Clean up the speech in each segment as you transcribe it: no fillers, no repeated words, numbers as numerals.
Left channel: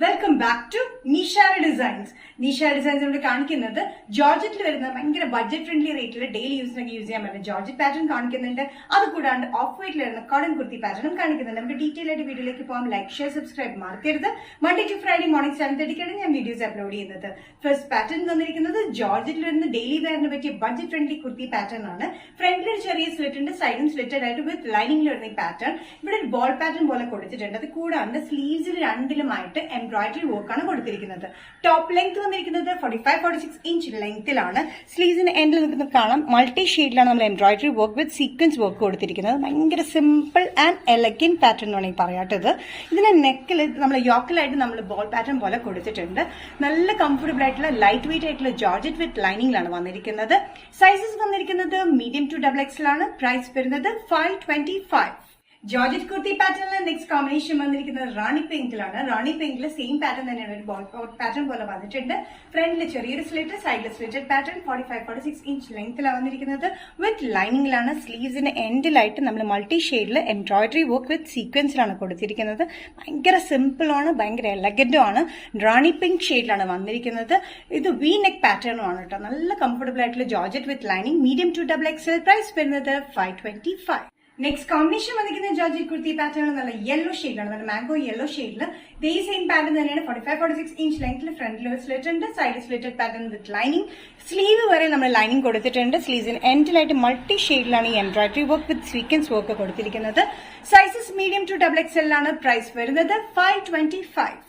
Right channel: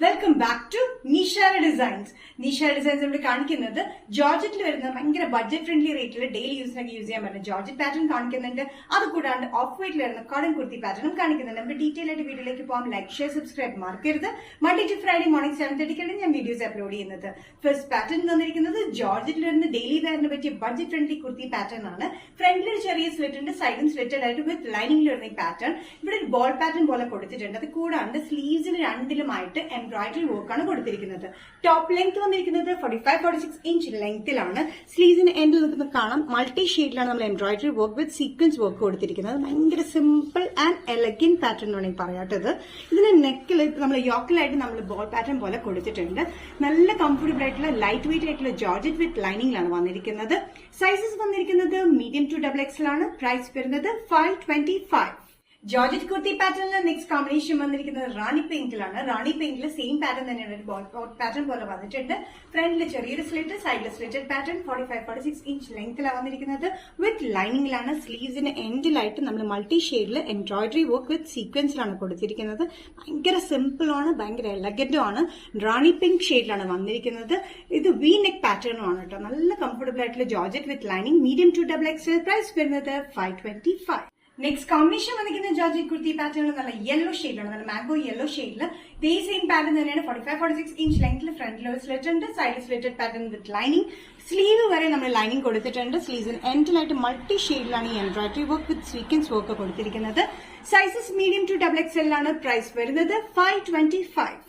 Welcome back to Nishara Designs. Nishara Designs നമ്മൾ കാണിക്കുന്നത് ജോർജറ്റിൽ വരുന്ന ഭയങ്കര ബഡ്ജറ്റ് ഫ്രണ്ട്ലി റേറ്റിൽ ഡെയിലി യൂസിനൊക്കെ യൂസ് ചെയ്യാൻ പറ്റുന്ന ജോർജറ്റ് പാറ്റേൺ കാണിക്കുന്നുണ്ട്. അത് കൂടാണ്ട് ഓഫ് വൈറ്റിൽ വരുന്ന കോട്ടൺ കുർത്തി പാറ്റേണും കാണിക്കുന്നുണ്ട്. നമുക്ക് ഡീറ്റെയിൽ ആയിട്ട് വീഡിയോയിലേക്ക് പോകാം. ലൈക്ക്, ഷെയർ, സബ്സ്ക്രൈബ് മറക്കരുത്. മൺഡേ ടു ഫ്രൈഡേ മോർണിംഗ് 7:30 ഞാൻ വീഡിയോസ് അപ്ലോഡ് ചെയ്യുന്നത്. ഫസ്റ്റ് പാറ്റേൺ തന്നിരിക്കുന്നത് ജോർജറ്റിൽ വരുന്ന ഡെയിലി വെയറിന് പറ്റിയ ബഡ്ജറ്റ് ഫ്രണ്ട്ലി കുർത്തി പാറ്റേൺ ആണ്. ഫ്രണ്ടിൽ ഒരു ചെറിയ സ്ലിറ്റ് ഉണ്ട്, സൈഡും സ്ലിറ്റഡ് ആയിട്ട് വിത്ത് ലൈനിങ്ങിൽ വരുന്ന ഈ പാറ്റേൺ. ഇവിടെ ഒരു ബോൾ പാറ്റേൺ പോലെ കൊടുത്തിട്ടുണ്ട്. അത് കൂടാണ്ട് സ്ലീവ്സിൽ രണ്ടിലുമായിട്ട് എംബ്രോയിഡറി വർക്കാണ് കൊടുത്തിരിക്കുന്നത്. ടോപ്പ് ലെങ്ത് വന്നിരിക്കുന്നത് 45-46 ഇഞ്ച് ലെങ്ത്തിലാണ്. സ്ലീവ്സിന് എൻഡിൽ നിൽക്കുന്ന കാണാം മൾട്ടി ഷെയ്ഡിലാണ് നമ്മൾ embroidery work with sequence work കൊടുത്തിരിക്കുന്നത്. ഭയങ്കര സിമ്പിൾ ആൻഡ് എലഗന്റ് പാറ്റേൺ ആണ് ഈ പറയാത്തത്. ഇതിന്റെ നെക്കിൽ നമ്മൾ യോക്കിലായിട്ട് നമ്മൾ ബോൾ പാറ്റേൺ പോലെ കൊടുത്തിട്ടുണ്ട്. നല്ല കംഫർട്ടബിൾ ആയിട്ടുള്ള ലൈറ്റ് വെയിറ്റ് ആയിട്ടുള്ള ജോർജറ്റ് വിത്ത് ലൈനിങ്ങിലാണ് വന്നിരിക്കുന്നത്. സൈസസ് വന്നിരിക്കുന്നത് മീഡിയം ടു XXL ആണ്. പ്രൈസ് വരുന്നത് 525. ജോർജറ്റ് കുർത്തി പാറ്റേണിൽ നെക്സ്റ്റ് കോമ്പിനേഷൻ വന്നിരിക്കുന്നത് റാണി പെയിന്റിലാണ്. റാണി പെയിന്റിൽ സെയിം പാറ്റേൺ തന്നെയാണ്, ഒരു ബോൾ പാറ്റേൺ പോലെ വന്നിട്ടുണ്ട്. ഫ്രണ്ടിൽ ചെറിയൊരു സ്ലിറ്റ്, സൈഡിൽ സ്ലിറ്റഡ് പാറ്റേൺ 45-46 ഇഞ്ച് ലെങ്ത്തിലാണ് വന്നിരിക്കുന്നത്. വിത്ത് ലൈനിങ്ങിലാണ്. സ്ലീവ്സിന് എൻഡിലായിട്ട് നമ്മൾ മൾട്ടി ഷെയ്ഡിൽ എംബ്രോയിഡറി വർക്ക് വിത്ത് സീക്വൻസിലാണ് കൊടുത്തിരിക്കുന്നത്. ഭയങ്കര സിമ്പിൾ ആണ്, ഭയങ്കര എലഗന്റും ആണ്. റാണി പിങ്ക് ഷെയ്ഡിലാണ് വന്നിരിക്കുന്നത്. ഇത് വി നെക്ക് പാറ്റേണും ആണ് കേട്ടോ. നല്ല കംഫർട്ടബിൾ ആയിട്ടുള്ള georgette with lining, medium to XXL. Price വരുന്നത് 525. നെക്സ്റ്റ് കോമ്പിനേഷൻ വന്നിരിക്കുന്ന ജോർജറ്റ് കുർത്തി പാറ്റേൺ നല്ല യെല്ലോ ഷെയ്ഡിലാണ്, നല്ല മാംഗോ യെല്ലോ ഷെയ്ഡിൽ. ഇതേ സെയിം പാറ്റേൺ തന്നെയാണ്. 45-46 ഇഞ്ച് ലെങ്ത്തിൽ ഫ്രണ്ടിൽ ഒരു സ്ലിറ്റ് ഉണ്ട്, സൈഡിൽ slitted pattern with lining. Sleeve വരെ നമ്മൾ ലൈനിങ് കൊടുത്തിട്ടുണ്ട്. സ്ലീവ്സിന് എൻഡിലായിട്ട് മൾട്ടി ഷെയ്ഡിലാണ് ഈ embroidery work with sequence work കൊടുത്തിരിക്കുന്നത്. സൈസസ് മീഡിയം ടു XXL ആണ്. പ്രൈസ് വരുന്നത് 525.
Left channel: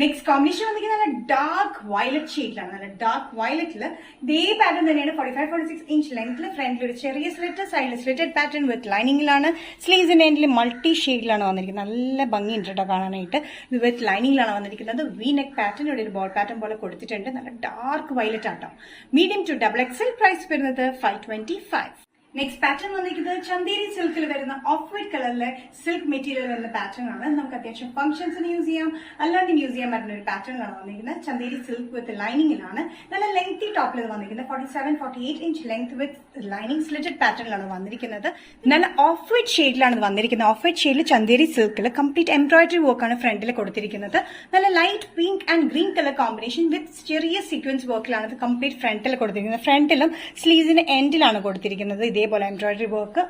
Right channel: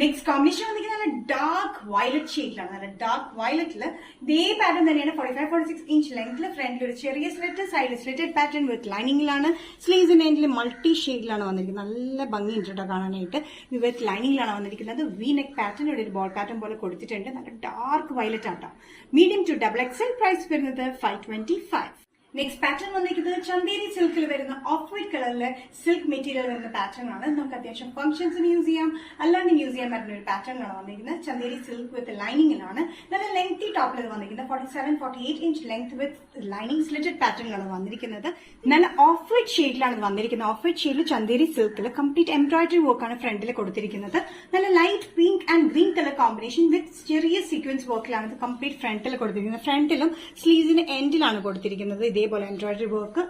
നെക്സ്റ്റ് കോമ്പിനേഷൻ വന്നിരിക്കുന്നത് നല്ല ഡാർക്ക് വയലറ്റ് ഷെയ്ഡിലാണ്. നല്ല ഡാർക്ക് വയലറ്റിൽ ഇതേ പാറ്റേൺ തന്നെയാണ്. 45-46 ഇഞ്ച് ലെങ്ത്തിൽ ഫ്രണ്ടിൽ ഒരു ചെറിയ സ്ലിറ്റ്, സൈഡിൽ സ്ലിറ്റഡ് പാറ്റേൺ വിത്ത് ലൈനിങ്ങിലാണ്. സ്ലീവ്സിന്റെ എൻഡിൽ മൾട്ടി ഷെയ്ഡിലാണ് വന്നിരിക്കുന്നത്. നല്ല ഭംഗിയുണ്ട് കേട്ടോ കാണാനായിട്ട്. ഇത് വിത്ത് ലൈനിങ്ങിലാണ് വന്നിരിക്കുന്നത്. വി നെക്ക് പാറ്റേൺ ഒരു ബോൾ പാറ്റേൺ പോലെ കൊടുത്തിട്ടുണ്ട്. നല്ല ഡാർക്ക് വയലറ്റ് ആട്ടോ. Medium to XXL. പ്രൈസ് വരുന്നത് 525. നെക്സ്റ്റ് പാറ്റേൺ വന്നിരിക്കുന്നത് ചന്തേരി സിൽക്കിൽ വരുന്ന ഓഫ് വൈറ്റ് കളറിലെ സിൽക്ക് മെറ്റീരിയൽ വരുന്ന പാറ്റേൺ ആണ്. നമുക്ക് അത്യാവശ്യം ഫംഗ്ഷൻസിന് യൂസ് ചെയ്യാം, അല്ലാണ്ട് യൂസ് ചെയ്യാൻ പറ്റുന്ന ഒരു പാറ്റേൺ ആണ് വന്നിരിക്കുന്നത്. ചന്തേരി സിൽക്ക് വിത്ത് ലൈനിങ്ങിലാണ്. നല്ല ലെങ്തി ടോപ്പിൽ വന്നിരിക്കുന്നത്. 47-48 inch length with lining slitted പാറ്റേണിലാണ് വന്നിരിക്കുന്നത്. നല്ല ഓഫ് വൈറ്റ് ഷെയ്ഡിലാണ് വന്നിരിക്കുന്നത്. ഓഫ് വൈറ്റ് ഷെയ്ഡിൽ ചന്തേരി സിൽക്കിൽ കംപ്ലീറ്റ് എംബ്രോയിഡറി വർക്കാണ് ഫ്രണ്ടിൽ കൊടുത്തിരിക്കുന്നത്. നല്ല light pink and green colour combination with ചെറിയ സീക്വൻസ് വർക്കിലാണ് ഇത് കംപ്ലീറ്റ് ഫ്രണ്ടിൽ കൊടുത്തിരിക്കുന്നത്. ഫ്രണ്ടിലും സ്ലീവ്സിന് എൻഡിലാണ് കൊടുത്തിരിക്കുന്നത് ഇതേപോലെ എംബ്രോയിഡറി വർക്ക്.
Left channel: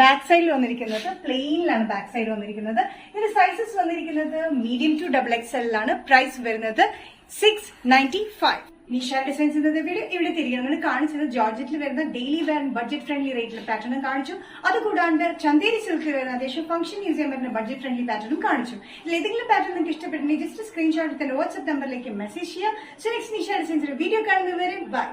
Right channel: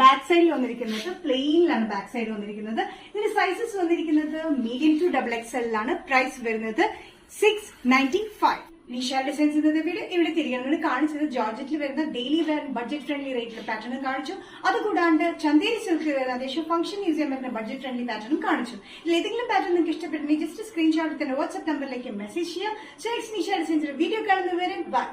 ബാക്ക് സൈഡിൽ വന്നിരിക്കുന്നത് പ്ലെയിനിലാണ് ബാക്ക് സൈഡ് വന്നിരിക്കുന്നത്. ഇതിന്റെ സൈസസ് വന്നിരിക്കുന്നത് മീഡിയം ടു XXL ആണ്. പ്രൈസ് വരുന്നത് 695. നിഷാ ഡിസൈൻസ് എന്ന വീഡിയോ ഇവിടെ തിരികെ കാണിച്ചത് ജോർജറ്റിൽ വരുന്ന ഡെയിലി വെയർ ബഡ്ജറ്റ് ഫ്രണ്ട്ലി റേറ്റിൽ പാറ്റേണും കാണിച്ചു. അതുകൂടാണ്ട് ചന്തേരി സിൽക്കിൽ വരുന്ന അത്യാവശ്യം ഫംഗ്ഷൻ യൂസ് ചെയ്യാൻ പറ്റുന്ന ബഡ്ജറ്റ് ഫ്രണ്ട്ലി പാറ്റേണും കാണിച്ചു. ഇതിൽ ഏതെങ്കിലും പാറ്റേൺ നിങ്ങൾക്ക് ഇഷ്ടപ്പെട്ടെങ്കിൽ ജസ്റ്റ് സ്ക്രീൻഷോട്ട് എടുത്ത് വാട്സ്ആപ്പ് നമ്പറിലേക്ക് മെസ്സേജ് ചെയ്യാം. നെക്സ്റ്റ് നിഷാ ഡിസൈൻസിന്റെ വീഡിയോ കാണുന്നവരെ ബൈ.